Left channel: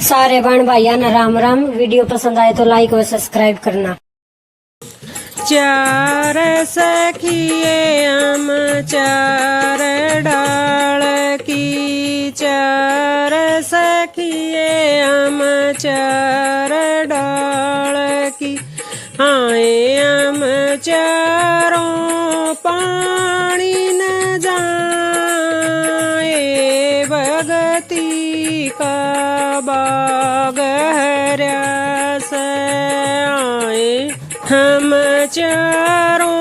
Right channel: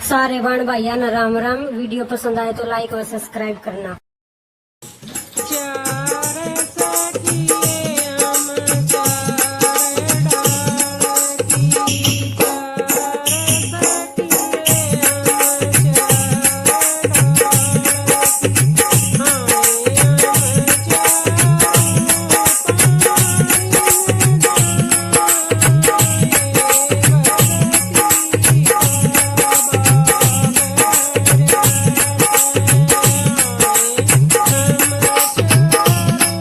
सारे बहन भाइयों ना राम राम। वीडियो पसंद आए तो लाइक और सब्सक्राइब करना। चार सखिए हम चार डाल की, चार सखिए हम चार डाल की। हाय हम चारों पानी न जाए, भगती का बाग हरा से। आए हम चारों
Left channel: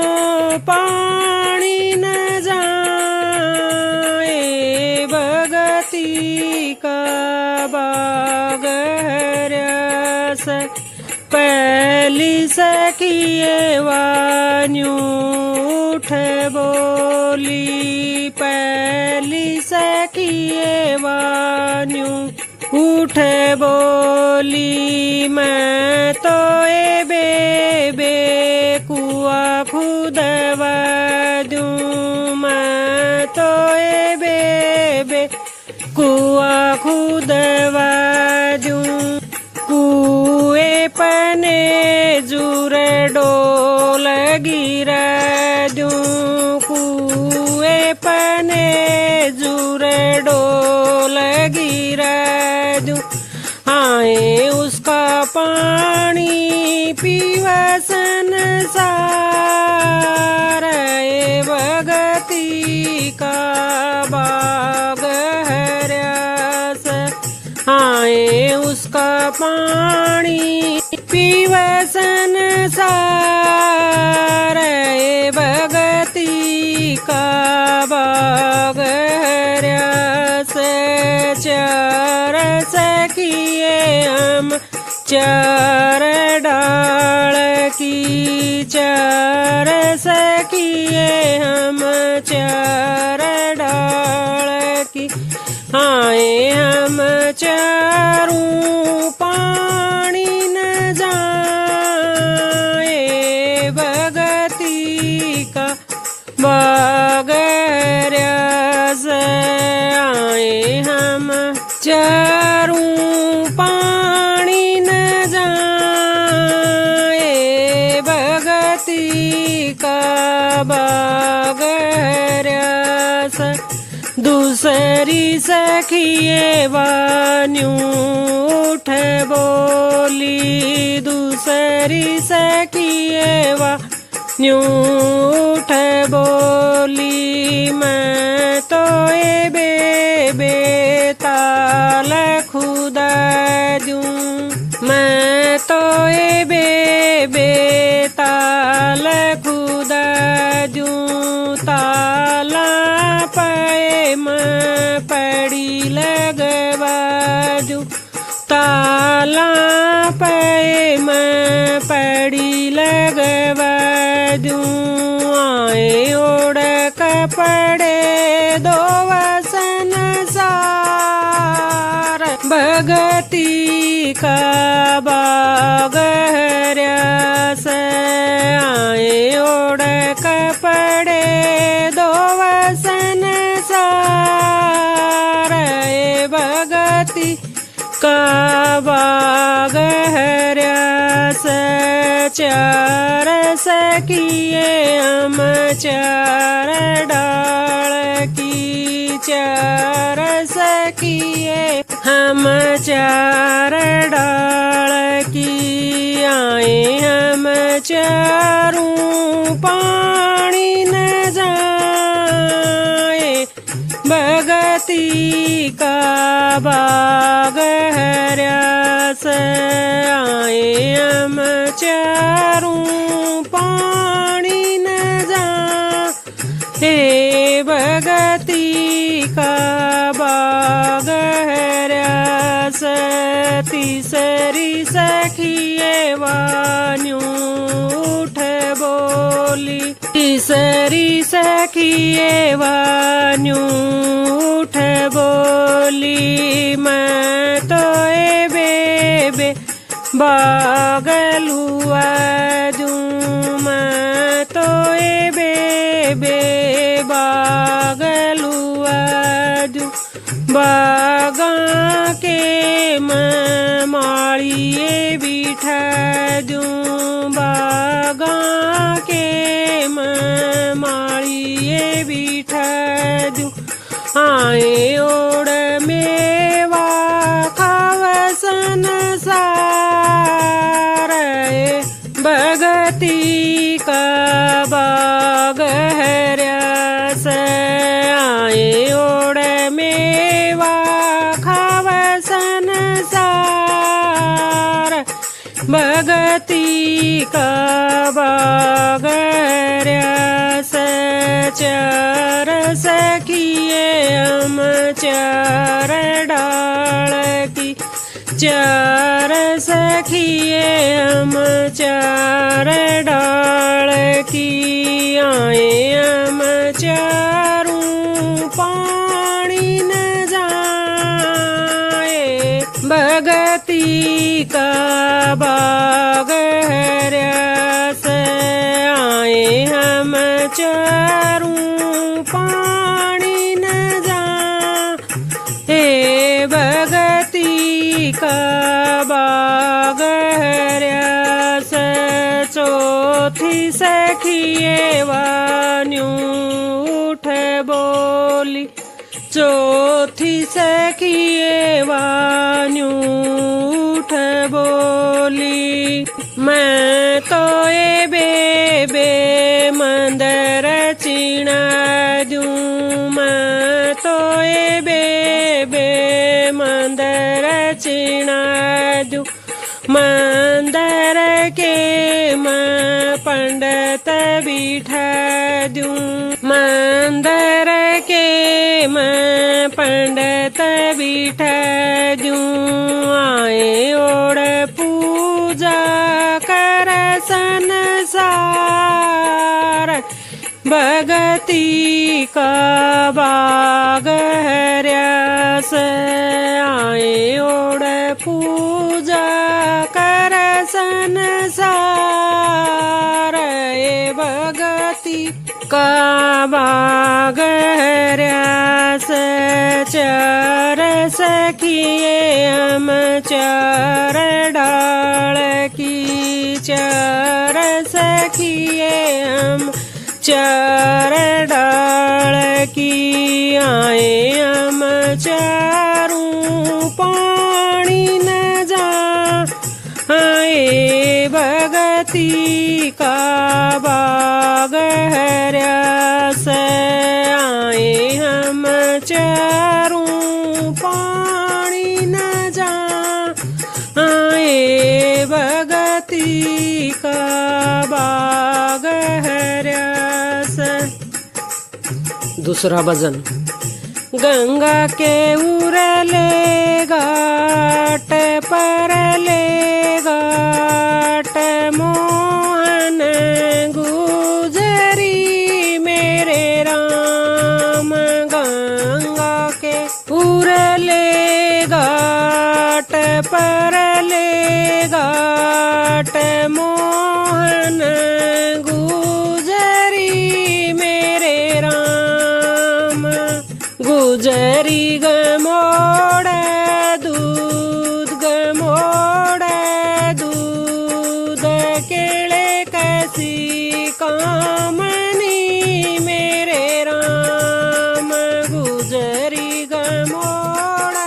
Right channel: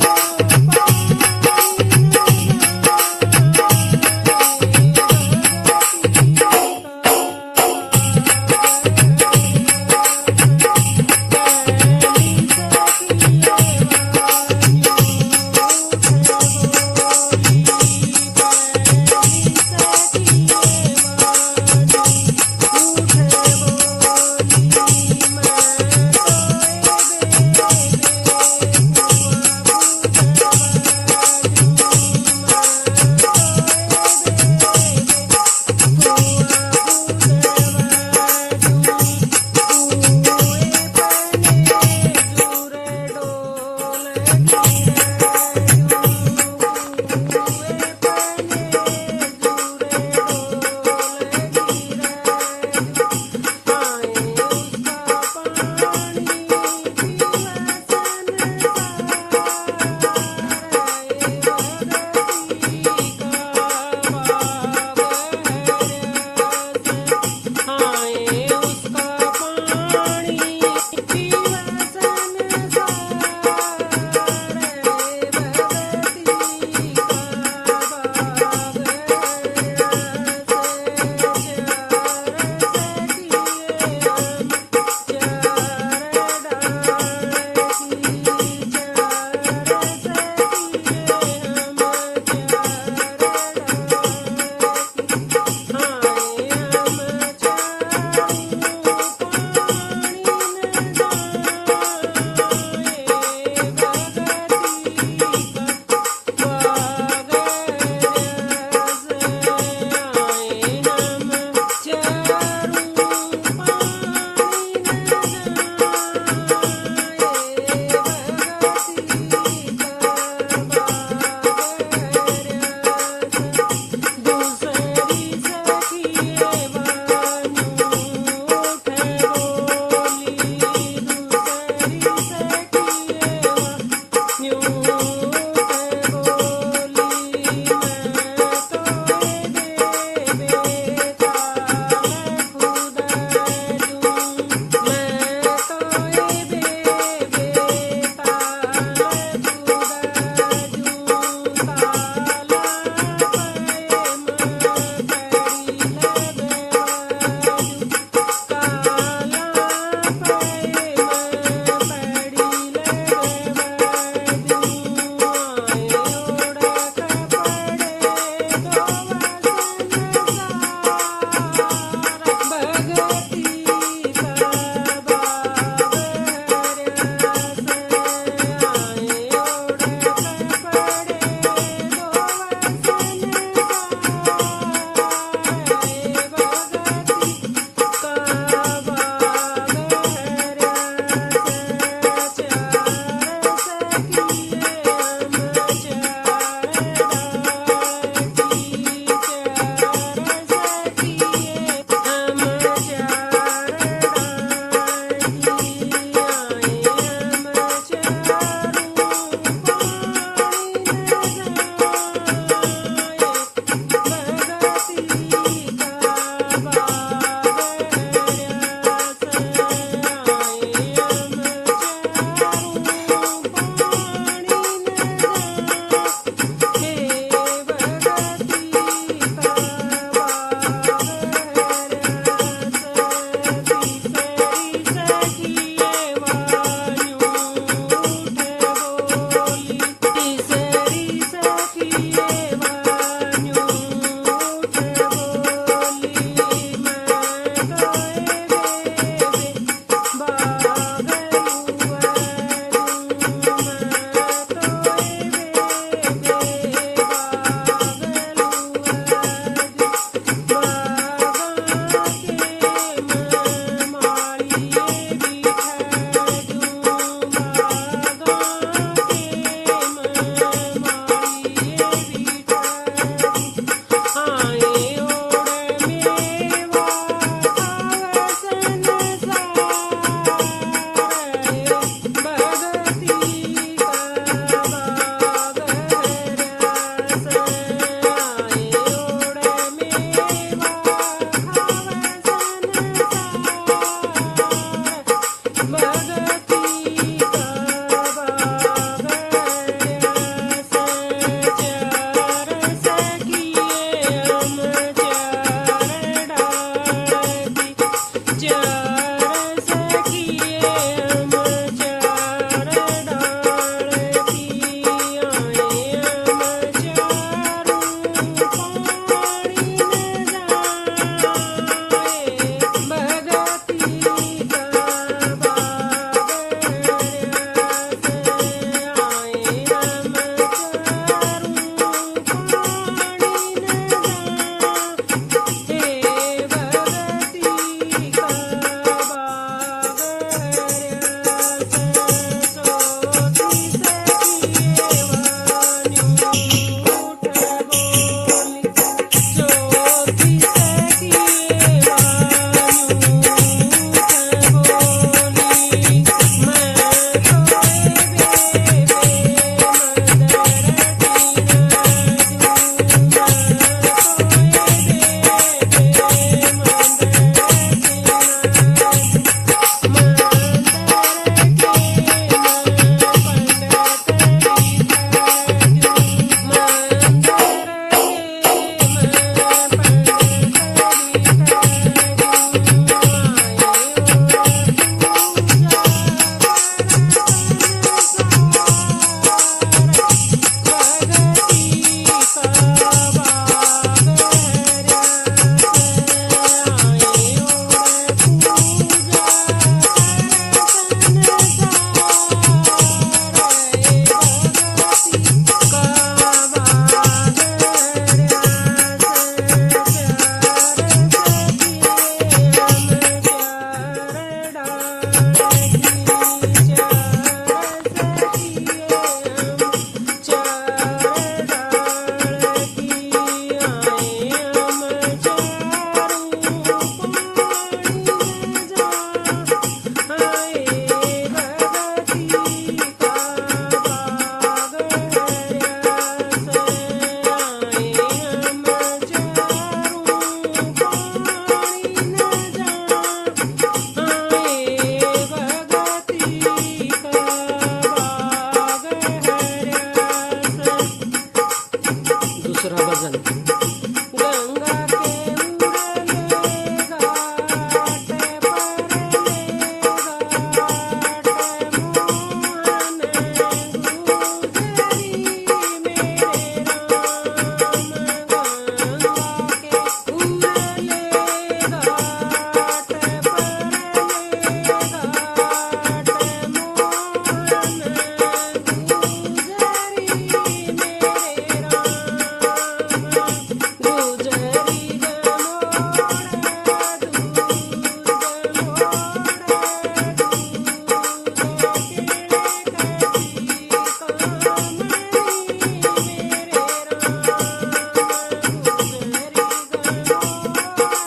पानी न जाए, भगती का बाग हरा से। पहली सखिए वान्यू उठ बोली, पहली सखिए वान्यू उठ बोली। मैं तो ए बेबे कुआ खुदवा दूँ, मैं तो ए बेबे कुआ खुदवा दूँ। कुए पने जुर डोल गिरा दूँ, कुए पने जुर डोल गिरा दूँ। आए उसका पानी पीवसन सारे, भगती का बाग हरा से। आए उसका पानी पीवसन सारे, भगती का बाग हरा से। चार सखिए हम चार डाल की, चार सखिए हम चार डाल की। हाय हम चारों पानी न जाए, भगती का बाग हरा से। आए हम चारों पानी न जाए, भगती का बाग हरा से। दूसरी सखिए वान्यू उठ बोली, दूसरी सखिए वान्यू उठ बोली। मैं तो ए बेबे ताल खुदा दूँ, मैं तो ए बेबे ताल खुदा दूँ। ताला पे मैं पड़ी लगवा दूँ, ताला पे मैं पड़ी लगवा दूँ। आए ओढ़ कपड़े दो वसन सार, भगती का बाग हरा से। आए ओढ़ कपड़े दो वसन सार, भगती का बाग हरा से। चार सखिए हम चार डाल की, चार सखिए हम चार डाल की। आए हम चारों पानी न जाए, भगती का बाग हरा से। आए हम चारों पानी न जाए, भगती का बाग हरा से। तीसरी सखिए वान्यू उठ बोली, तीसरी सखिए वान्यू उठ बोली। मैं तो ए बेबे बागल हुआ दूँ, मैं तो ए बेबे बागल हुआ दूँ। बागा के मैं भगती का बागर्या चार सखिए हम चार डाल की चार सखिए हम चार डाल की आए हम चारों पानी न जाए भगती का बाग हर्यास आए हम चारों पानी न जाए भगती का बाग हर्यास चौथी सखिए वान्यू उठ बोली चौथी सखिए वान्यू उठ बोली मैं तो ए बेबे मंदर चीना दूं मैं तो ए बेबे मंदर चीना दूं मंदर के मैं पंडित बिठा दूं मंदर के मैं पंडित बिठा दूं आए और पूजा कर संसार भगती का बाग हर्यास आए और पूजा कर संसार भगती का बाग हर्यास चार सखिए हम चार डाल की चार सखिए हम चार डाल की आए हम चारों पानी न जा आए भगती का बाग हर्यास आए हम चारों पानी न जा आए भगती का बाग हर्यास। दूसरा भजन गंगा के उरले घाट परले घाट मोहन गुजरी मेरे राम गंगा के उरले घाट परले घाट मोहन गुजरी मेरे राम गुजरी गमोड़ दूध गमोड़ दूध केले कैसी कामनी मेरे राम गुजरी गमोड़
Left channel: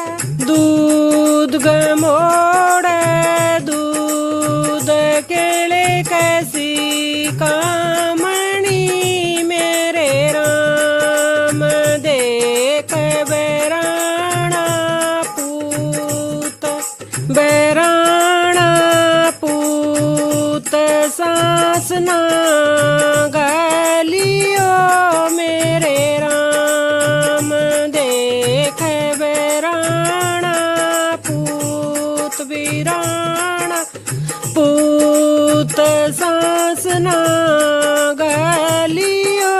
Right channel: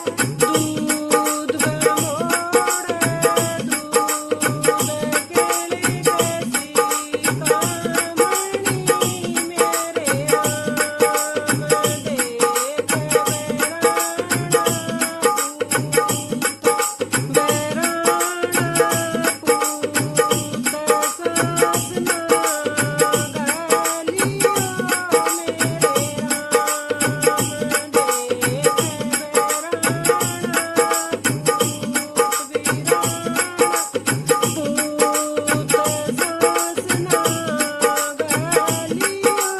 दूध गमोड़ दूध केले कैसी कामनी मेरे राम देख बैराणा पूत सासना गलियो मेरे राम देख बैराणा पूत वीराणा पूत सासना गलियो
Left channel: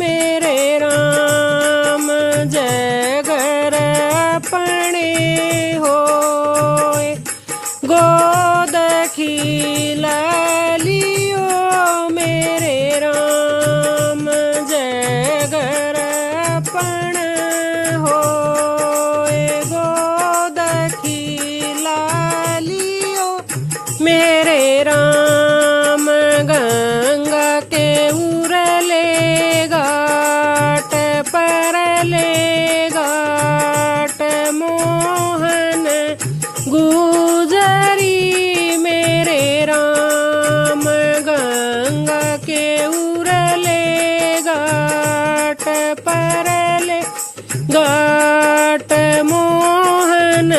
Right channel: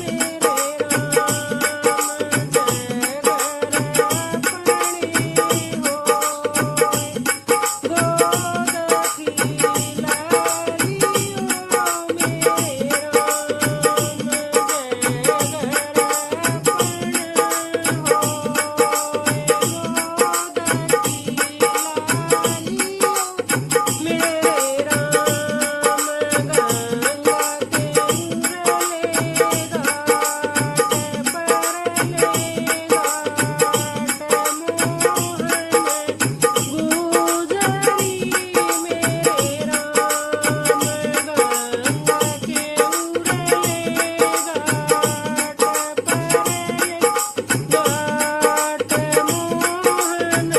मेरे राम जय घर पणे होए गोद खिलालियो मेरे राम जय घर पण होए गोद खिलालियो मेरे राम गंगा के उरले घाट परले घाट मोहन गुजरी मेरे राम गंगा के उरले घाट परले घाट मोहन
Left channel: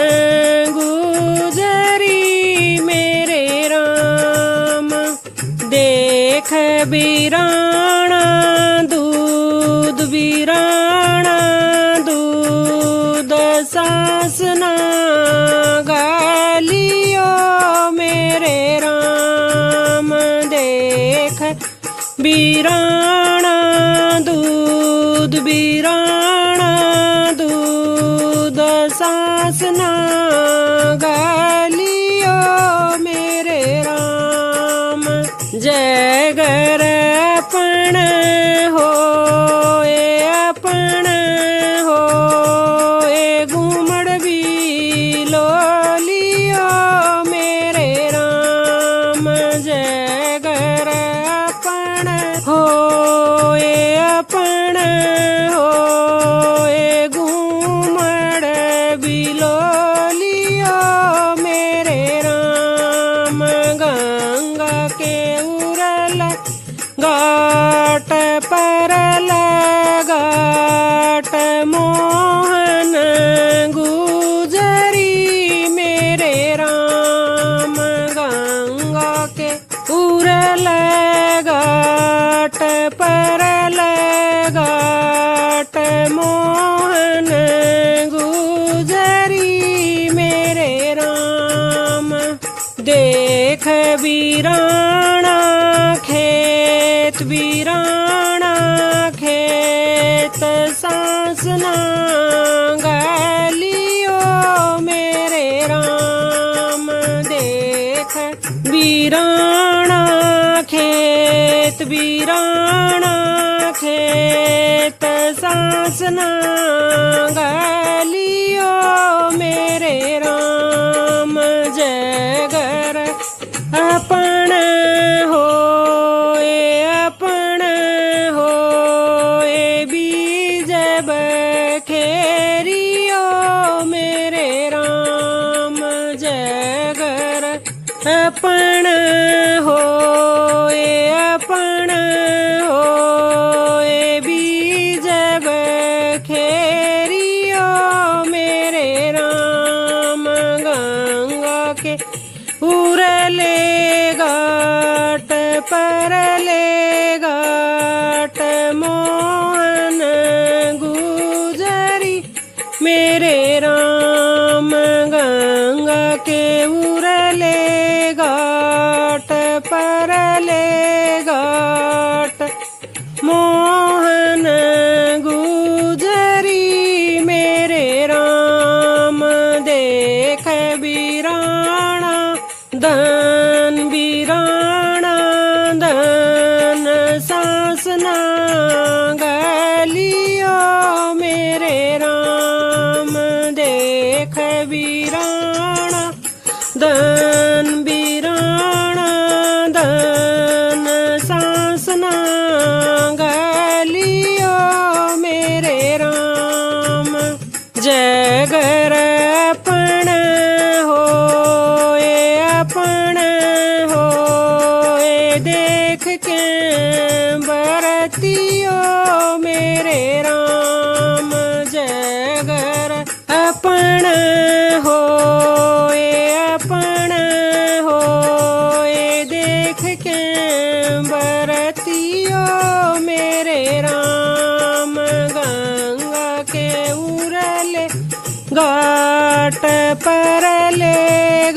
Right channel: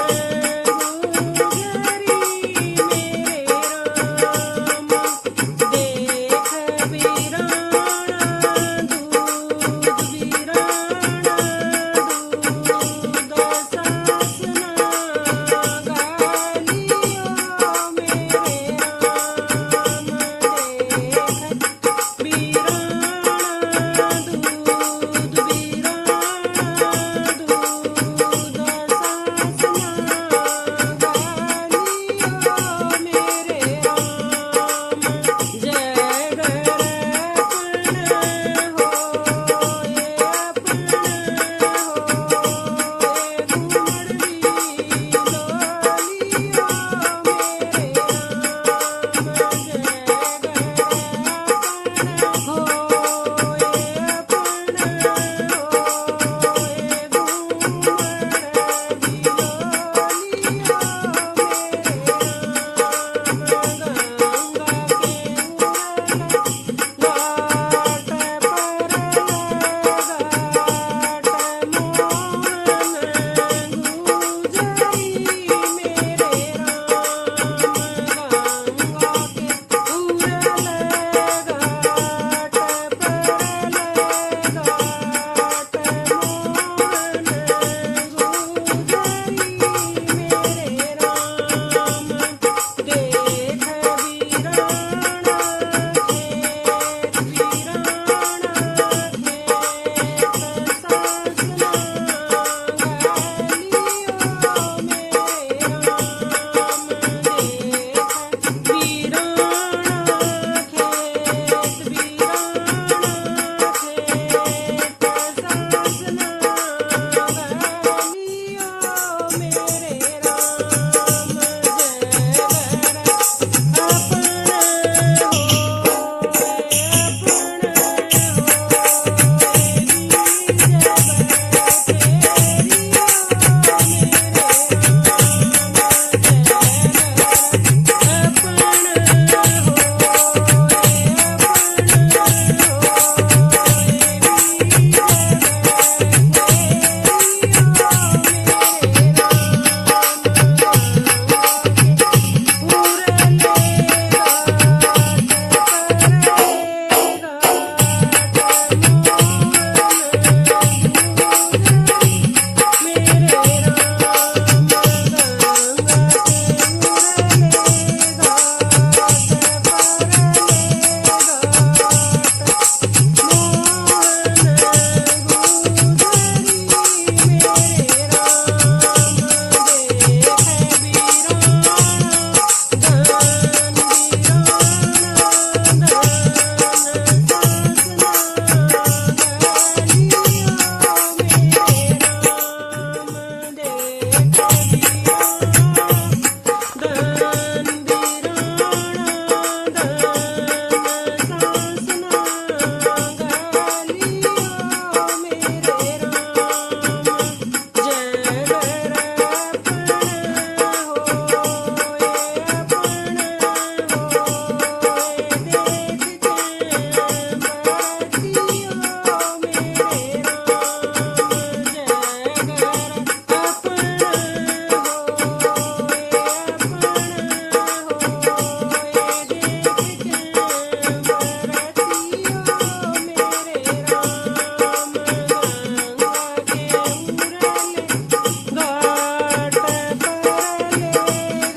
गुजरी मेरे राम बीराणा दूध बीराणा दूध सासना गालियो मेरे राम देख बीराणा दूध बीराणा दूध सासना गालियो मेरे राम जय गर अपन होए अपन होए घूमड़ भी लो लियो मेरे राम जय गर अपन होए अपन होए घूमड़ भी लो लियो मेरे राम गंगा के उरल घाट परल घाट मोहन गुजरी मेरे राम गंगा के उरल घाट परल घाट मोहन गुजरी मेरे राम देख बीराणा खेत बीराणा खेत सासना गालियो मेरे राम देख बीराणा खेत बीराणा खेत सासना गालियो मेरे राम जय गर अपन होए अपन होए बीज बखेरियो मेरे राम जय गर अपन होए अपन होए बीज बखेरियो मेरे राम गंगा के उरले घाट परले घाट मोहन गुजरी मेरे राम गंगा के उरले घाट परले घाट मोहन गुजरी मेरे राम देख बीराणा धन बीराणा धन सासना गालियो मेरे राम देख बीराणा धन बीराणा धन सासना गालियो मेरे राम जय गर अपन होए अपन होए देख के बरतियो मेरे राम जय गर अपन होए अपन होए देख के बरतियो मेरे राम गंगा के उरले घाट परले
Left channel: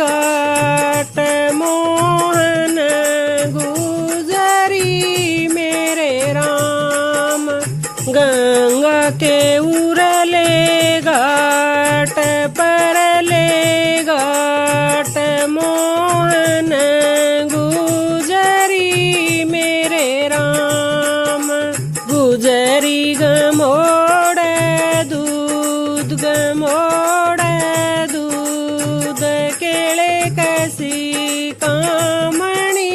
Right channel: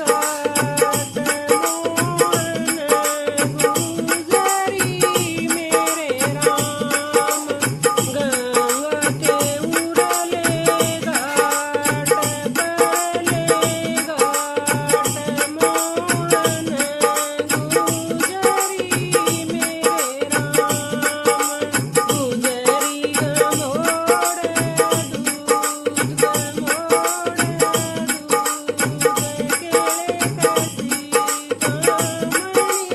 घाट मोहन गुजरी मेरे राम गंगा के उरले घाट परले घाट मोहन गुजरी मेरे राम गुजरी गमोड़ दूध गमोड़ दूध केले कसी कामणी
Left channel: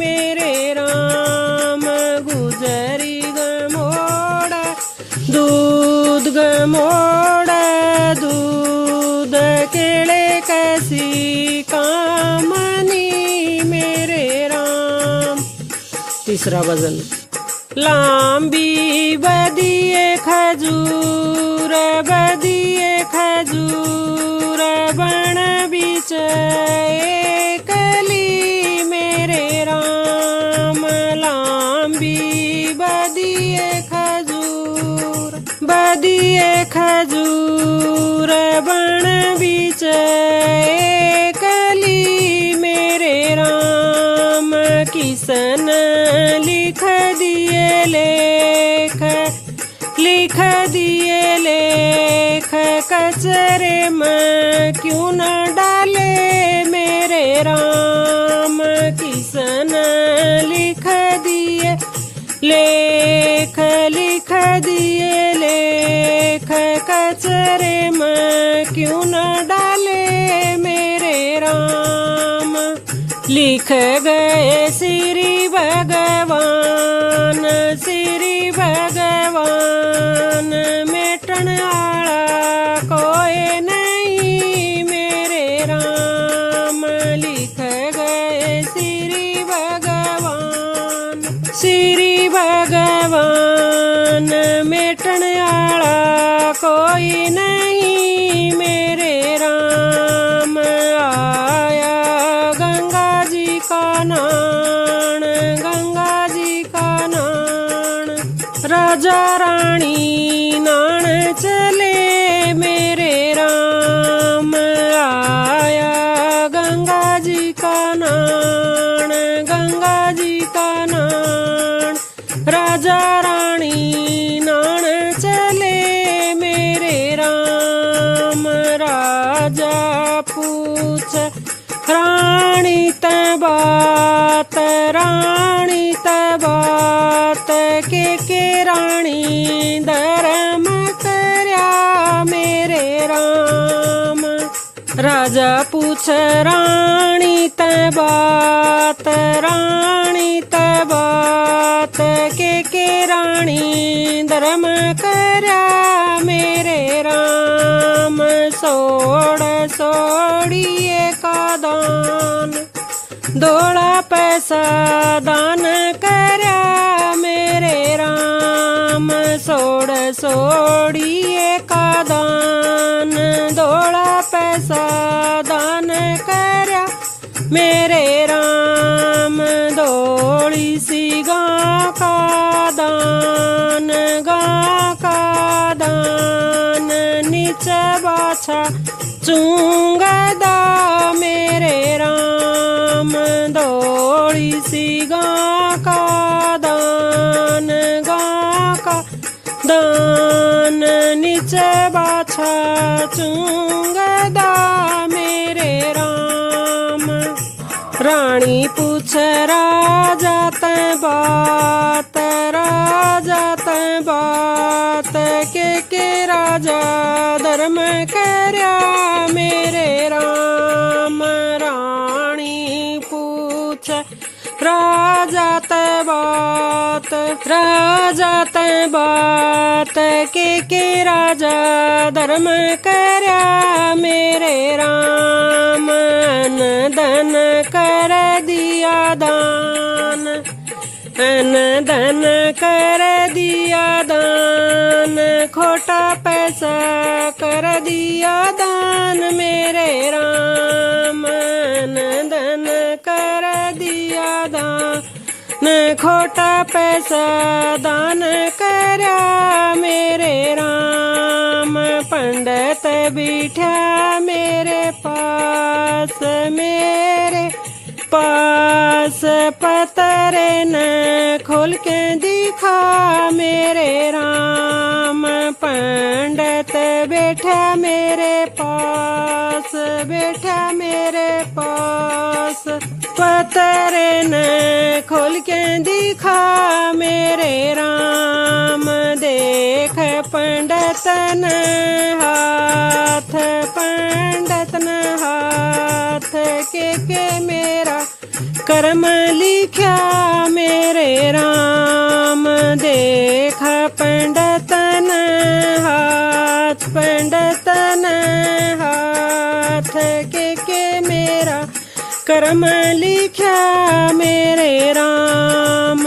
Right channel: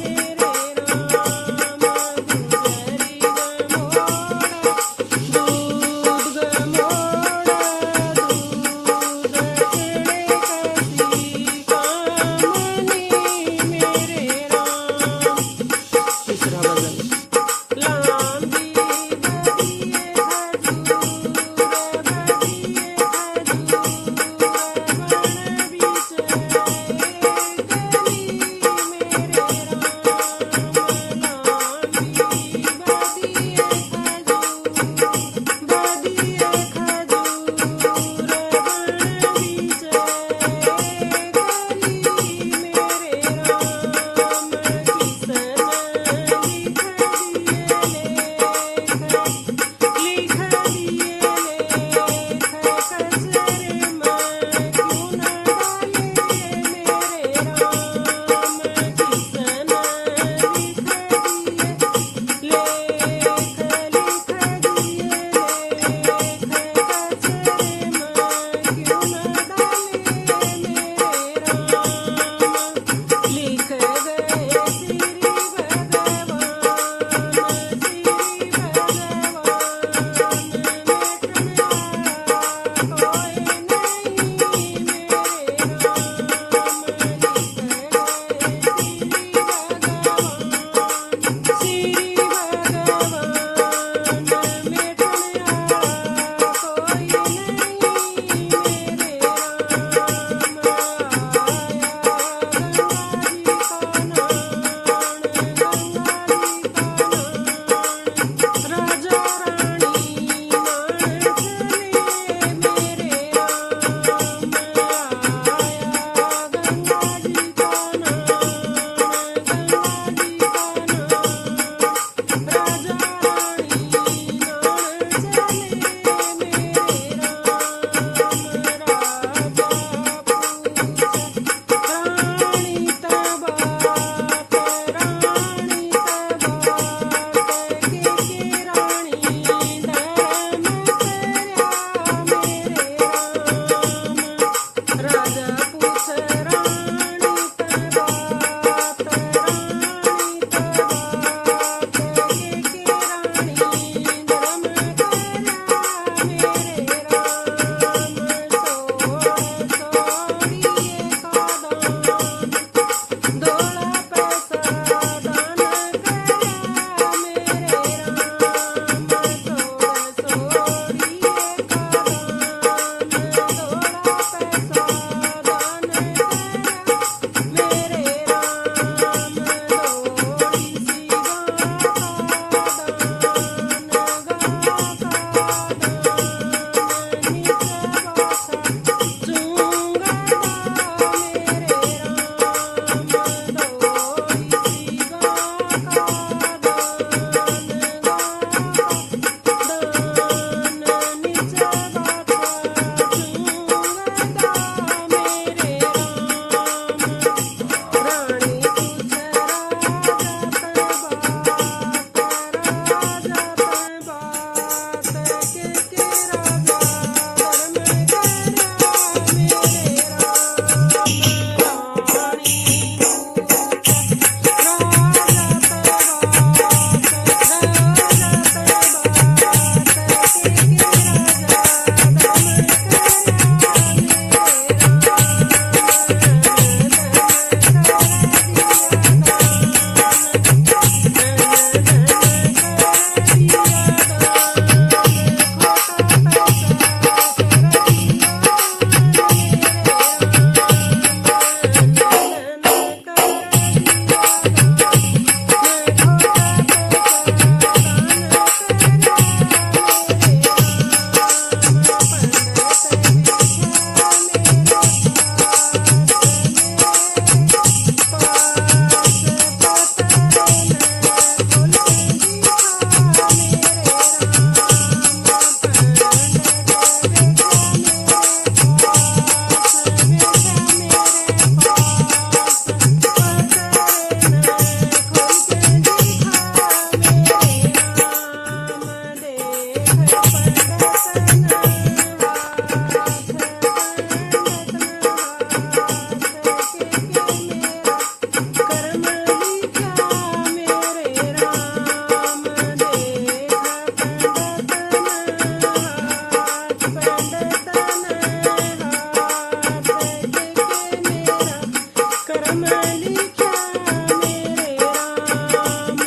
मेरे राम गुजरी गमोड़ दूध गमोड़ दूध केले कसी कामनी मेरे राम तीसरा गजल लांबी बदिए खजूर बदिए खजूर बन बीच एकली मेरे राम लांबी लिख गए श्री भगवान मेटन आला कोई नहीं मेरे राम। लिख गए श्री भगवान मेटन आला कोई नहीं मेरे राम। आया गंगा जी का नान राजा रानी नान चले मेरे राम। आया गंगा जी का नान राजा रानी नान चले मेरे राम। राजा पूछ रानी तबात के रानी धर्म करया मेरे राम। राजा पूछ रानी तबात के रानी धर्म करया मेरे राम। सोड़िए का दान दौड़ा पैसा दान करया मेरे राम। सोड़िए का दान दौड़ा पैसा दान करया मेरे राम। दौड़ी सी गाँ का दान नीचे बाछा चूंगदा मेरे राम। दौड़ी सी गाँ का दान नीचे बाछा चूंगदा मेरे राम। रानी पूछ राजा बात के राजा धर्म करया मेरे राम। रानी पूछ राजा बात के राजा धर्म करया मेरे राम। धन कर दिया दान खोटा पैसा कर दिया दान मेरे राम। धन कर दिया दान खोटा पैसा दान करया मेरे राम। पंडित बिठा मेरे पास पतरे न खोल के दिखा मेरे राम। पंडित बैठा मेरे पास पतरे न खोल के दिखा मेरे राम। देख पंडित न हाथ के मेरा कर्म लिखा मेरे राम। देख पंडित न हाथ के मेरा कर्म लिखा मेरे राम।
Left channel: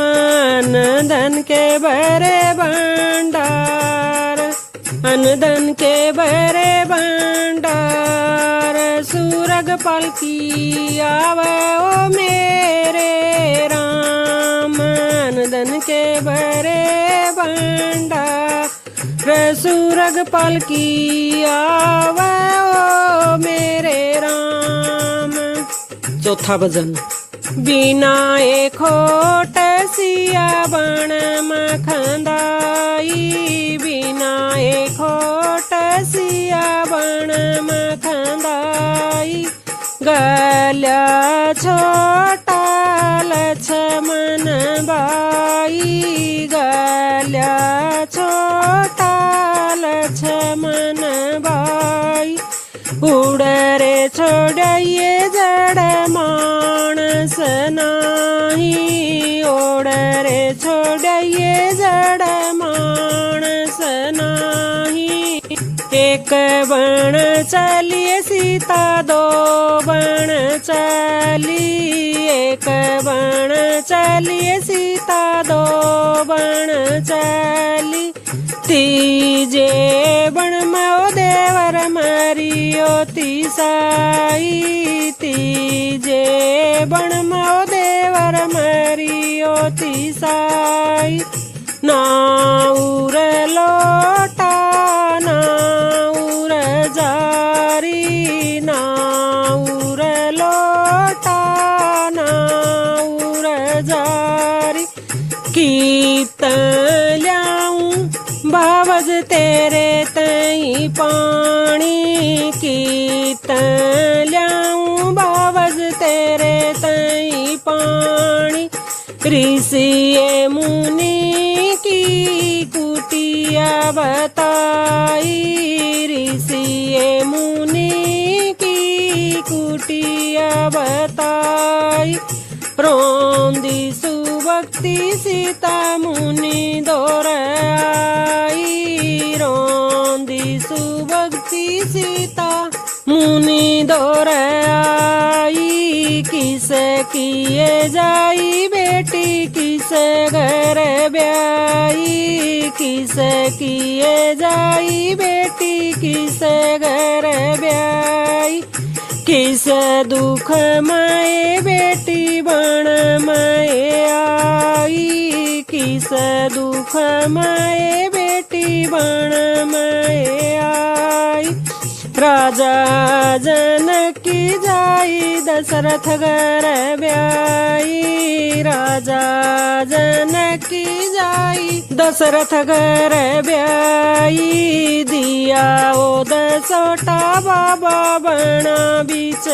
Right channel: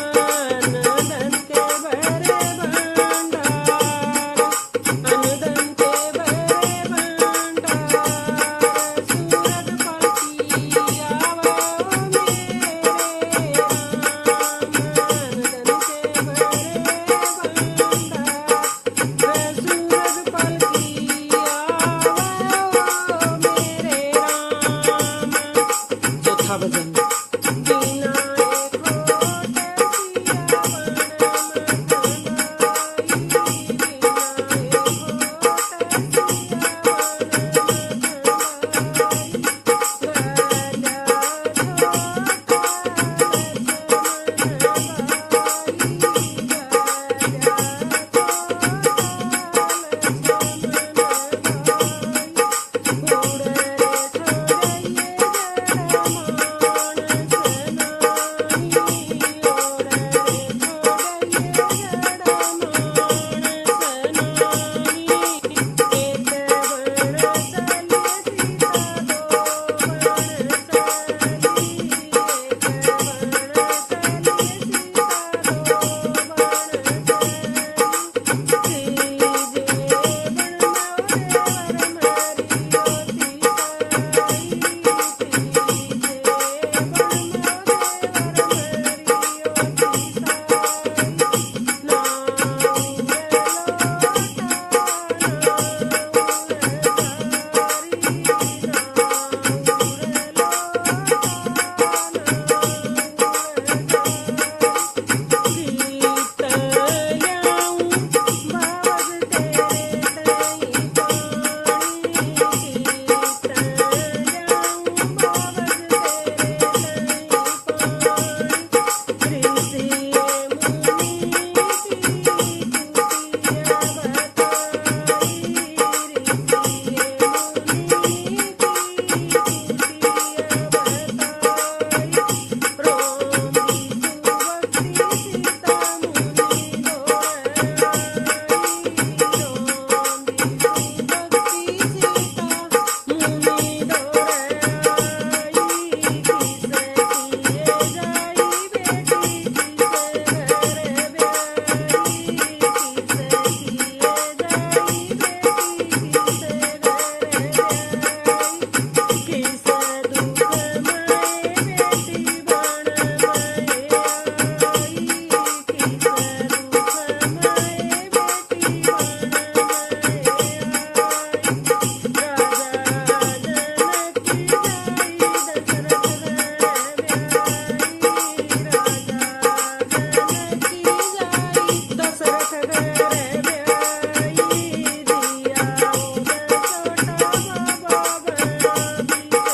धन के भरे भंडार सूरग पालकी आवे ओ मेरे राम। धन के भरे भंडार सूरग पालकी आवे ओ मेरे राम। चौथा भजन। बिना एक खोट सिया बण मखंदाई बिना एक खोट सिया बण मखंदाई गल्या छोटा लक्ष्मण बाई गल्या छोटा लक्ष्मण बाई उड़रे छोड़िए जड़ मान बण मो देवर मरियो तिसाई नाउर लोटा नाउर जारी नाउर लोटा नाउर जारी कीत ल्याऊं बावज तेरे तई पानी कीत ल्याऊं बावज तेरे तई पानी ऋषिए मुनि की कुटिया बताई ऋषिए मुनि की कुटिया बताई रोंदी सुभक्ति सीता मुनि दौर आई रोंदी सुभक्ति सीता मुनि दौर आई किस किए जाई बेटी किस घर ब्याई किस किए जाई बेटी किस घर ब्याई किस दुख माए बेटी बण माए आई किस दुख माए बेटी बण माए आई राजा जनकी जाई दशरथ घर ब्याई राजा जनकी जाई दशरथ घर ब्याई दिया ओ दसोटा बाबा बण बीच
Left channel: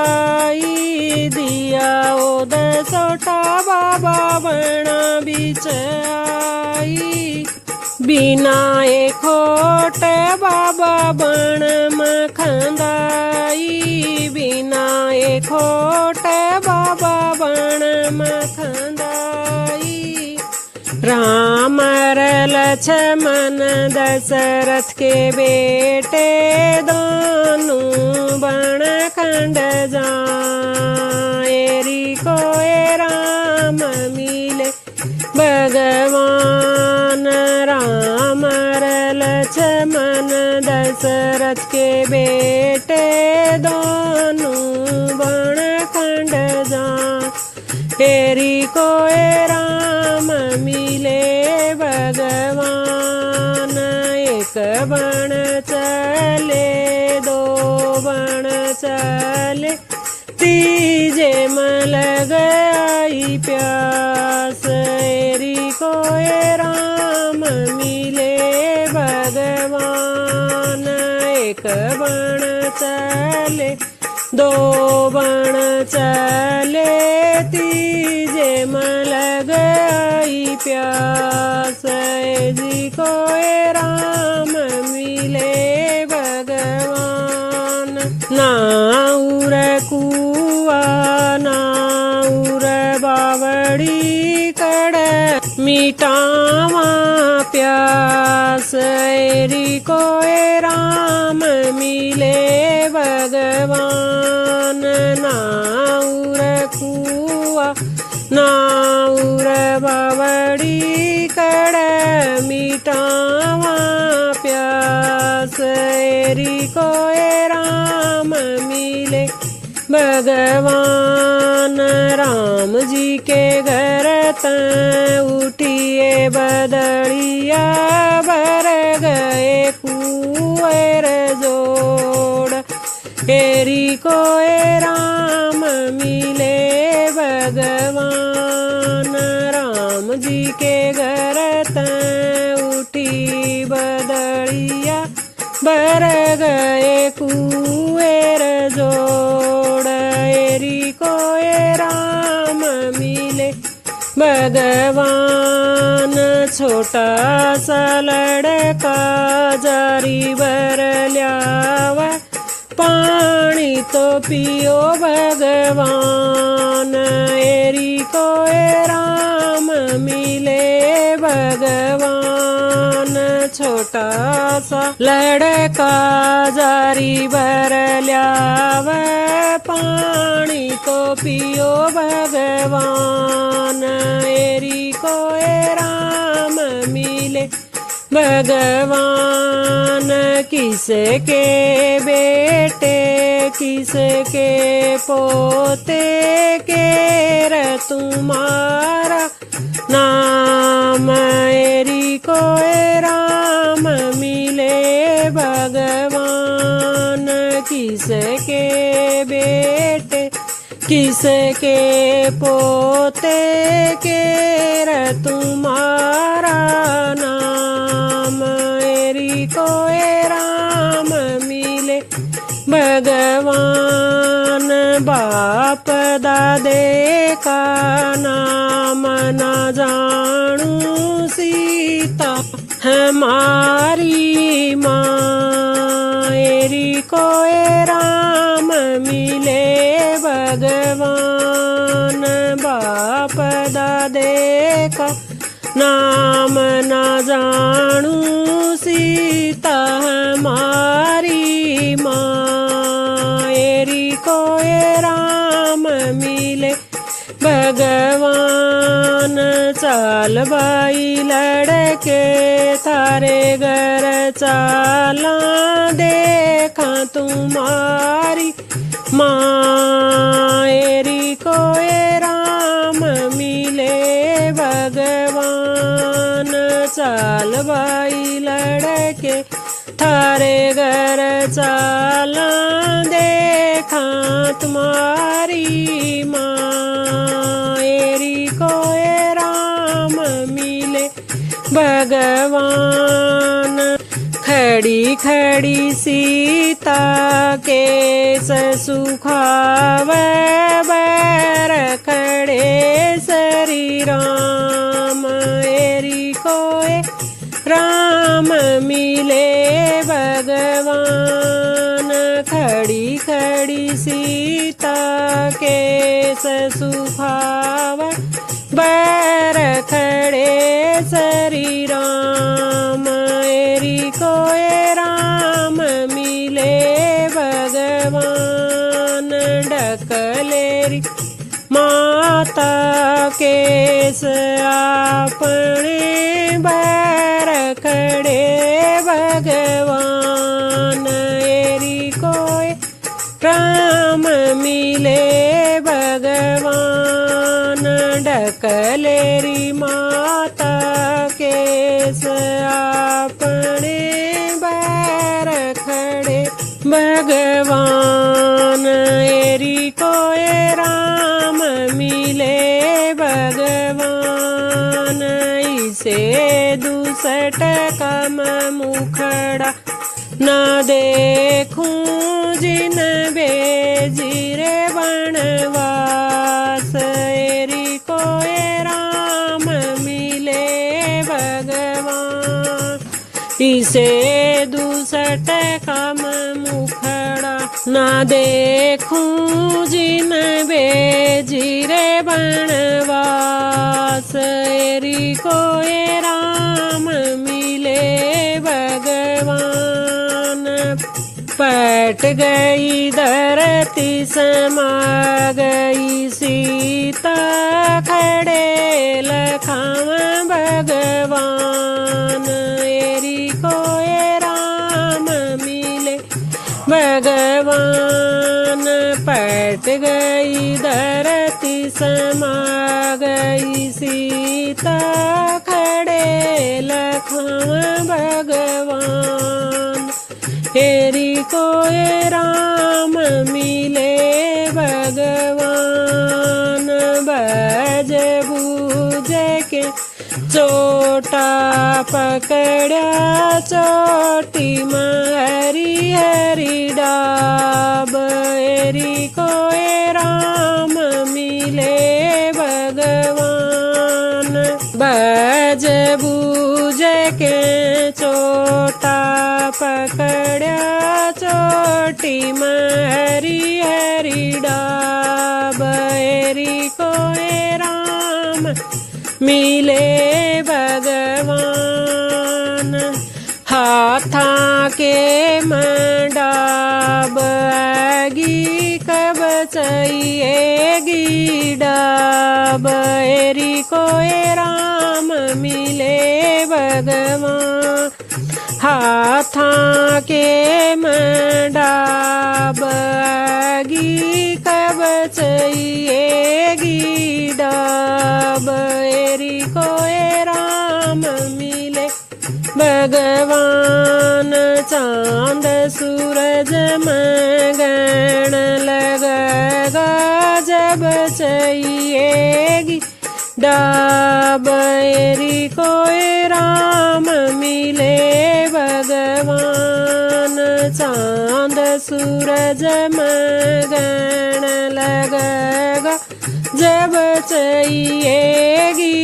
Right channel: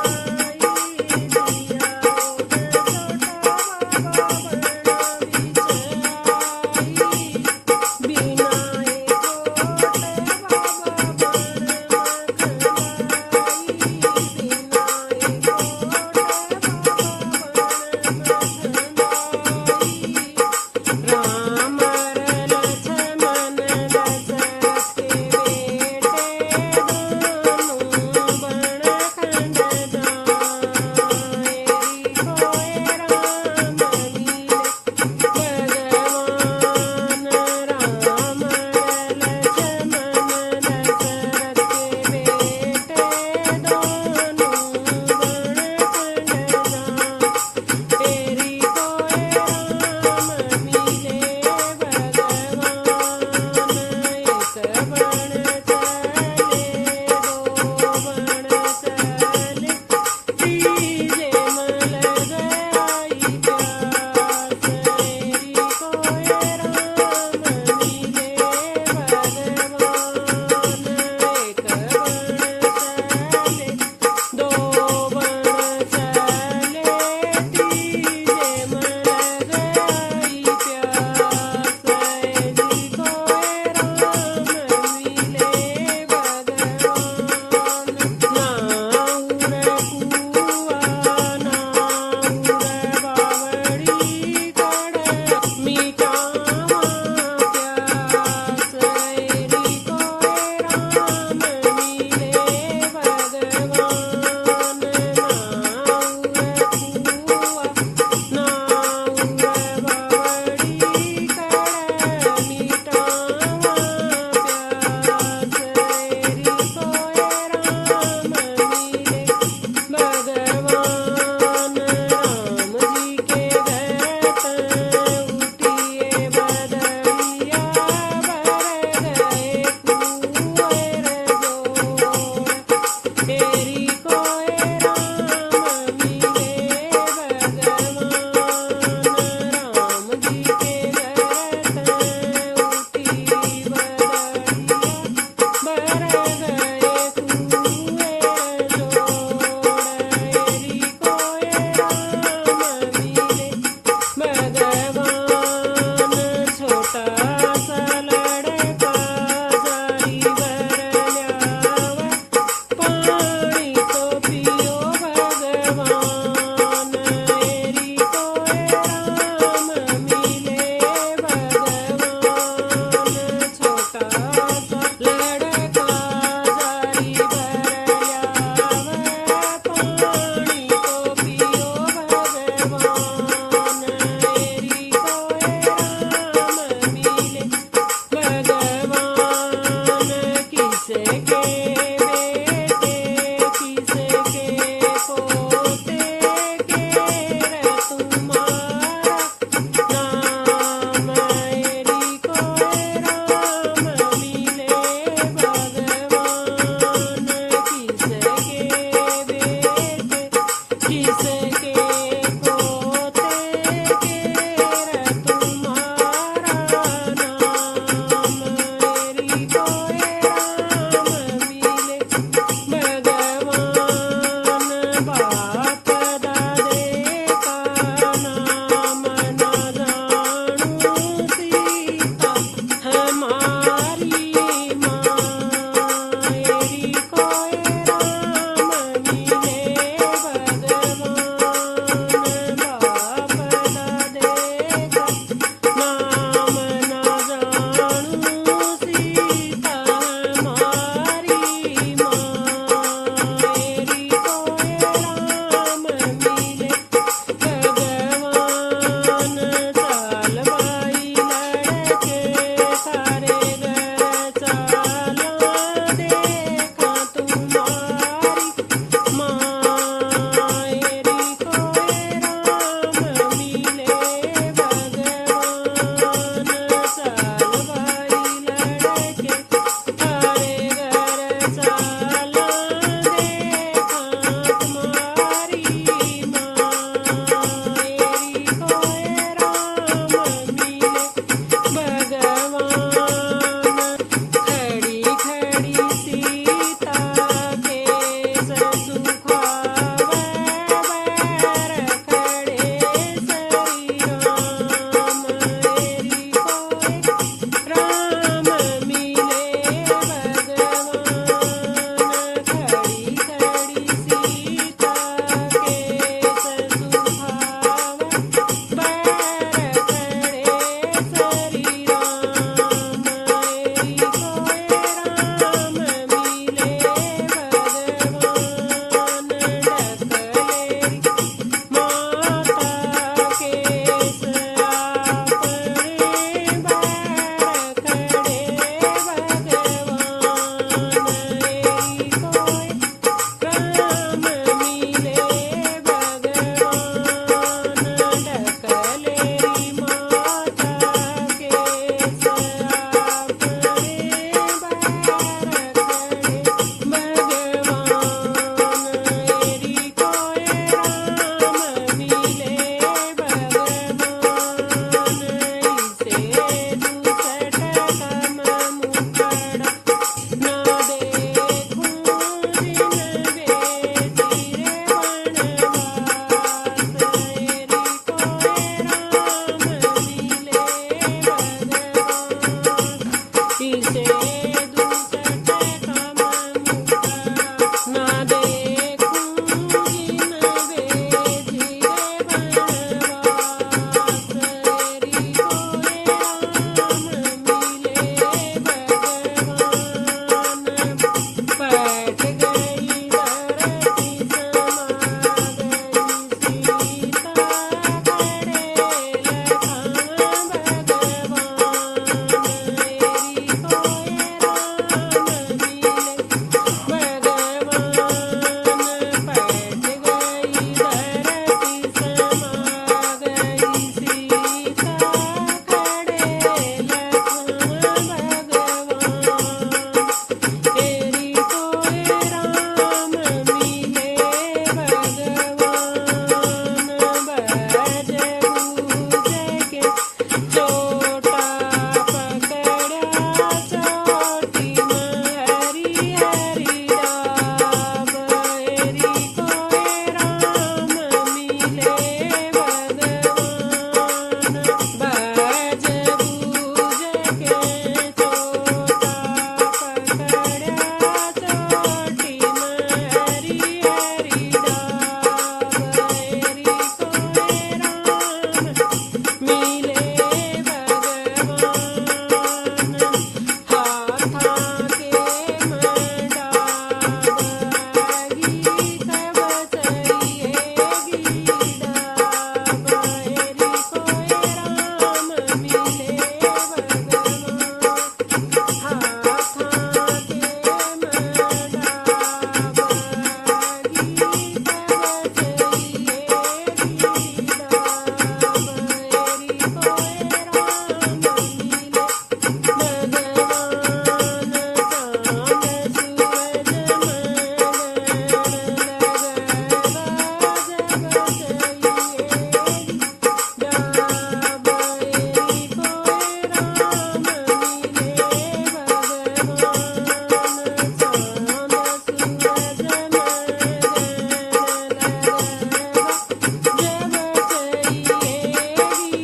आई दिया ओ दसोटा बाबा बण बीच आई बिना एक खोट बाबा बण मखंदाई बिना एक खोट बाबा बण मखंदाई राम लक्ष्मण दशरथ के बेटे दोनों बण खंड जाएरी कोए राम मिले भगवान राम लक्ष्मण दशरथ के बेटे दोनों बण खंड जाएरी कोए राम मिले भगवान एक बण चले दो बण चले तीजे मल गई प्यास एरी कोए राम मिले भगवान एक बण चले दो बण चले तीजे मल गई प्यास एरी कोए राम मिले भगवान नाउर कुआ नाउर बावड़ी कड़ मिटावा प्यास एरी कोए राम मिले भगवान नाउर कुआ नाउर बावड़ी कड़ मिटावा प्यास एरी कोए राम मिले भगवान राम जी के घर उठिए बदड़िया भर गए कुएर जोड़ एरी कोए राम मिले भगवान राम जी के घर उठी बदड़िया भर गए कुएर जोड़ एरी कोए राम मिले भगवान छोटा सा लड़का जारी भर ल्यावा पानी तो पियो भगवान एरी कोए राम मिले भगवान छोटा सा लड़का जारी भर ल्यावा पानी तो पियो भगवान एरी कोए राम मिले भगवान किसके बेटे किसके पोते के किसके पोते केर तुम्हारा नाम एरी कोई राम मिले भगवान बाप दादे का नाम न जानू सीता हमारी माँ एरी कोई राम मिले भगवान बाप दादे का नाम न जानू सीता हमारी माँ एरी कोई राम मिले भगवान चाल बाई लड़के थारे घर चाला देखा तुम्हारी माँ एरी कोई राम मिले भगवान चाल बाई लड़के थारे घर चाला देखा तुम्हारी माँ एरी कोई राम मिले भगवान खड़ी खड़ी सीता के सुखावे बैर खड़े श्री राम एरी कोई राम मिले भगवान खड़ी खड़ी सीता के सुखावे बैर खड़े श्री राम एरी कोई राम मिले भगवान ढकलेरी माता केस अपने बैर खड़े भगवान एरी कोई राम मिले भगवान ढकलेरी माता केस अपने बैर खड़े भगवान एरी कोई राम मिले भगवान इसे दुसट कम मुखड़ा न देखूं जिन बेजिरे वनवास एरी कोई राम मिले भगवान इसे दुसट कम मुखड़ा न देखूं जिन बेजिरे वनवास एरी कोई राम मिले भगवान पट गई धरती समा गई सीता खड़े लखाव भगवान एरी कोई राम मिले भगवान पट गई धरती समा गई सीता खड़े लखाव भगवान एरी कोई राम मिले भगवान बज बूझ के चोटा पकड़ा चोटी हरी हरी डाब एरी कोई राम मिले भगवान बज बूझ के चोटा पकड़ा चोटी हरी हरी डाब एरी कोई राम मिले भगवान हाथा के मंडाब आगी कब चाहिएगी डाब एरी कोई राम मिले भगवान हाथा के मंडाब आगी कब चाहिएगी डाब एरी कोई राम मिले भगवान चांद सूरज मगन लगेगा कब चाहिएगी डाबेरी कोई राम मिले भगवान चांद सूरज मगन लगेगा जब चाहिएगी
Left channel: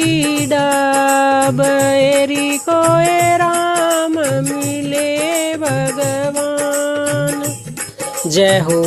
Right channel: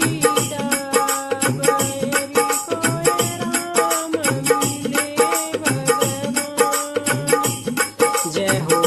डाबेरी कोई राम मिले भगवान। जय हो।